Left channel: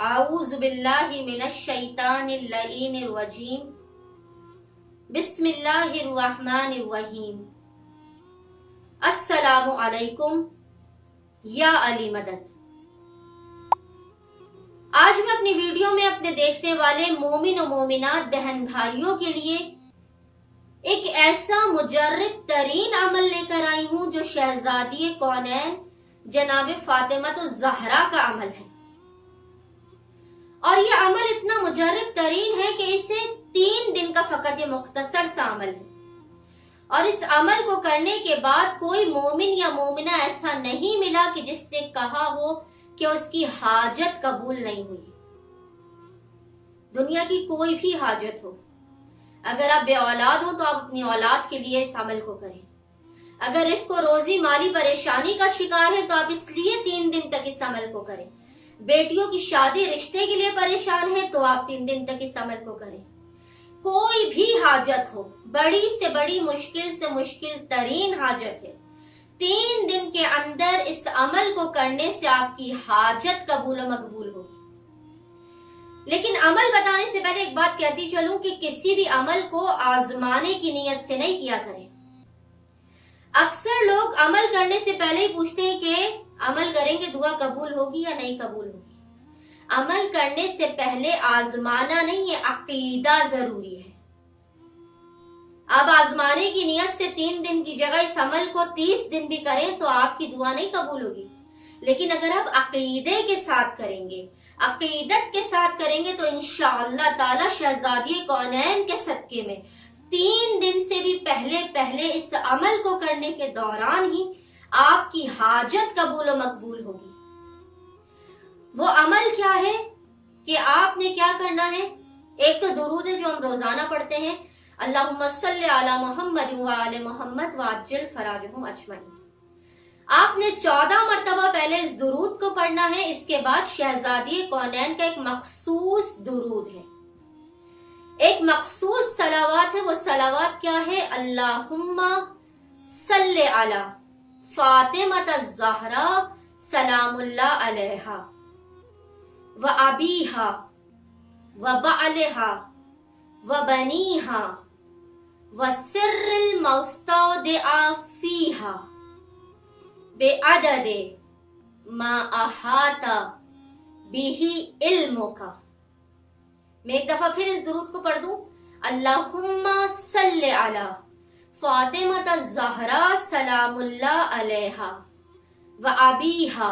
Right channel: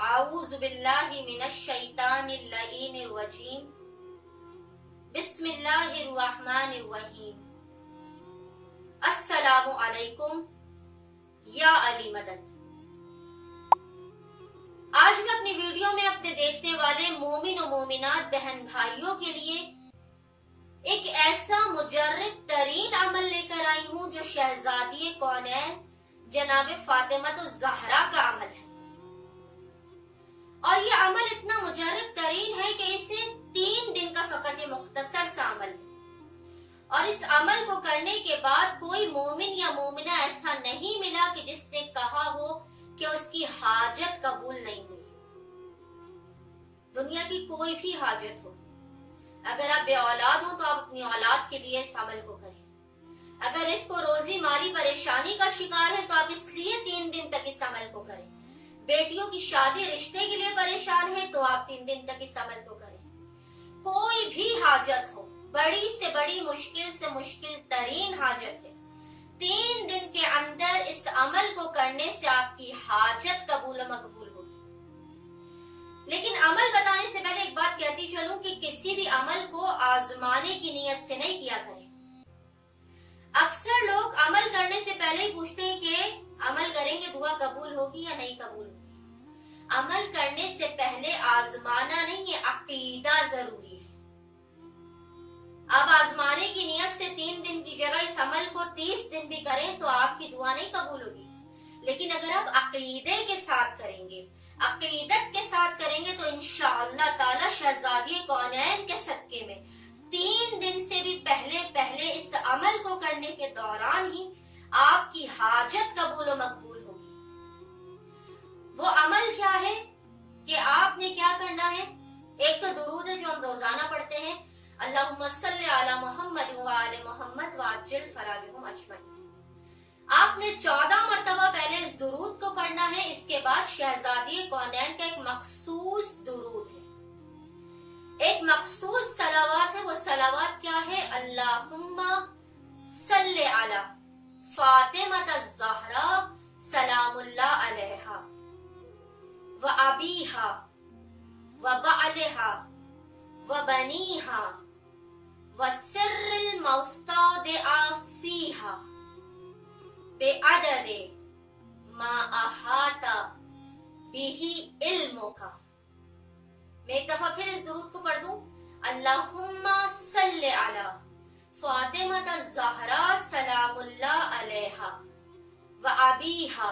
अऊज़ु बिल्लाहि मिनश शैतानिर लईनिर रजीम। बिस्मिल्लाहिर रहमानिर रहीम। अस्सलामु अलैकुम या अली मदद। आज मैं अपनी वीडियो में अपने देखने वाले मोमिन और मोमिनात बहन भाइयों के लिए एक ऐसा मुजर्रिब तरीन अमल लेकर आई हूँ जो शहजादी कौनैन जनाब फातिमा तो ज़हरा का अमल है। और ये अमल इतना मुजर्रिब तरीन है कि इसे 3 दिन का फकत मुख्तसर सा अमल है। और इस अमल को करने के बाद कोई मोमिन या मोमिना ऐसा नहीं मिला कि जिसने कहा हो कि उसकी हाजत कबूल नहीं हुई। दुनिया की कोई भी हाजत हो, अगर आप बे औलाद हो तो आप अपनी औलाद के लिए इस अमल को करें। अगर इसको रोजी माली परेशानी का शिकार है तो आप इसलिए 3 दिन तक इस अमल को करें। बेटियों की शादी रिश्ते के लिए परेशान है तो आप 3 दिन तक इस अमल को करें। कोई भी हाजत हो, बड़ी से बड़ी मुश्किल से मुश्किल तरीन हाजत है, 3 दिन के अंदर इस अमल को करने से आपकी हाजत कबूल मकबूल होगी। लेकिन अमल बताने से पहले एक बात कहती चलूं कि किसी भी अमल को आजमाने की नीयत से नहीं किया करें। अक्सर लोग अमल करने से पहले ही पूछते हैं कि अमल करेंगे दुआ कबूल होगी या नहीं कबूल होगी। अमल करने से पहले आजमाना नहीं, ये अकीदा जरूरी है। अब आजमाने की नियत से 3 दिन की जगह इस अमल को 30 दिन भी करें तो आपकी दुआ नहीं कबूल होगी। लेकिन अगर आप अकीदे के साथ करेंगे, अकीदत के साथ करेंगे तो इंशाअल्लाह ताला शहजादी कौनैन के सदके में 3 दिन से भी पहले इस अमल को करने के दौरान ही आपकी हाजत कबूल और मकबूल होगी। वो अमल क्या है कि आपने क्या करना है? एक तो दुरूद है जो हम रोजाना पढ़ते हैं, अल्लाहुम्मा सल्ली अला मुहम्मद व आले मोहम्मद व अज्जल फराजहुम अजमईन। आपने 14 मरतबा पहले इस दुरूद को पढ़ना है। इसके बाद शहजादी कौनैन का एक मखसूस दुरूद है, एक मखसूस सलावात है। वो सलावात क्या है? अल्लाहुम्मा सल्ले अला फातिमा ज़हरा सलामुल्लाह अलैहा व अबीहा व बअलहा व बनीहा व सिर्रिल मौस्तौदिआ फीहा बेअदद मा अहाता बिही इल्मुका। मैं एक दफा फिर इस दुरूद को पढ़ दूं। अल्लाहुम्मा सल्ले अला फातिमा ज़हरा सलामुल्लाह अलैहा व अबीहा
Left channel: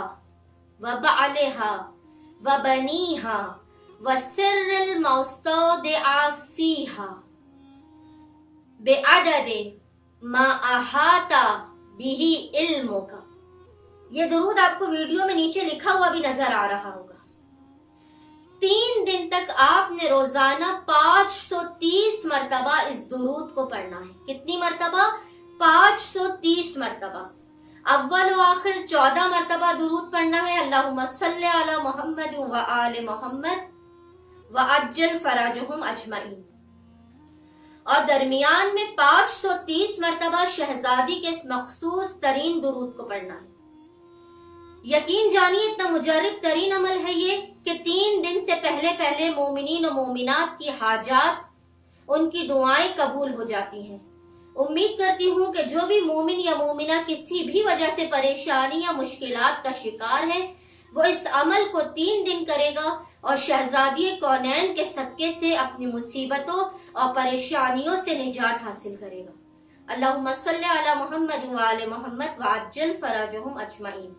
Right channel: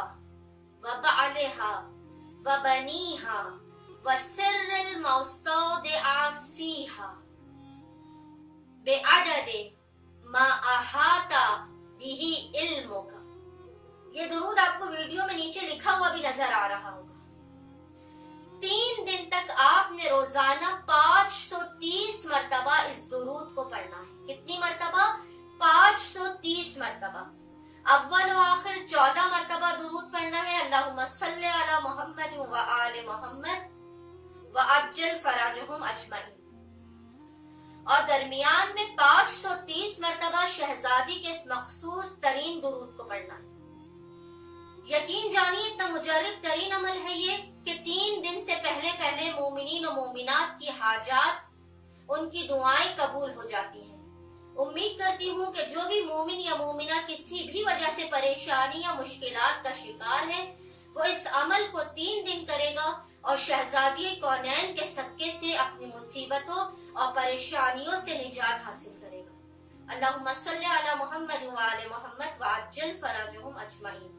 व बअलहा व बनीहा व सिर्रिल मौस्तौदिआ फीहा बेअदद मा अहाता बिही इल्मुका। ये दुरूद आपको वीडियो में नीचे लिखा हुआ भी नजर आ रहा होगा। 3 दिन तक आपने रोजाना 530 मरतबा इस दुरूद को पढ़ना है। कितनी मरतबा? 530 मरतबा। अव्वल व आखिर 14 मरतबा दुरूद पढ़ना है, अल्लाहुम्मा सल्ली अला मुहम्मद व आले मोहम्मद व अज्जल फराजहुम अजमईन। और दरमियान में 530 मरतबा शहजादी के इस मखसूस तरीन दुरूद को पढ़ना है। यकीन जानिए इतना मुजर्रिब तरीन अमल है ये कि 3 दिन से पहले मोमिनीन और मोमिनात की हाजात, उनकी दुआएं कबूल हो जाती हैं। उम्मीद करती हूँ कि जो भी मोमिन या मोमिना किसी भी वजह से परेशानी या मुश्किलात का शिकार है वो इस अमल को 3 दिन करेगा और शहजादी कौनैन के सदके से अपनी मुसीबतों और परेशानियों से निजात हासिल करेगा। अल्लाहुम्मा सल्ली अला मुहम्मद व आले मोहम्मद व अज्जल फराजहुम अजमईन।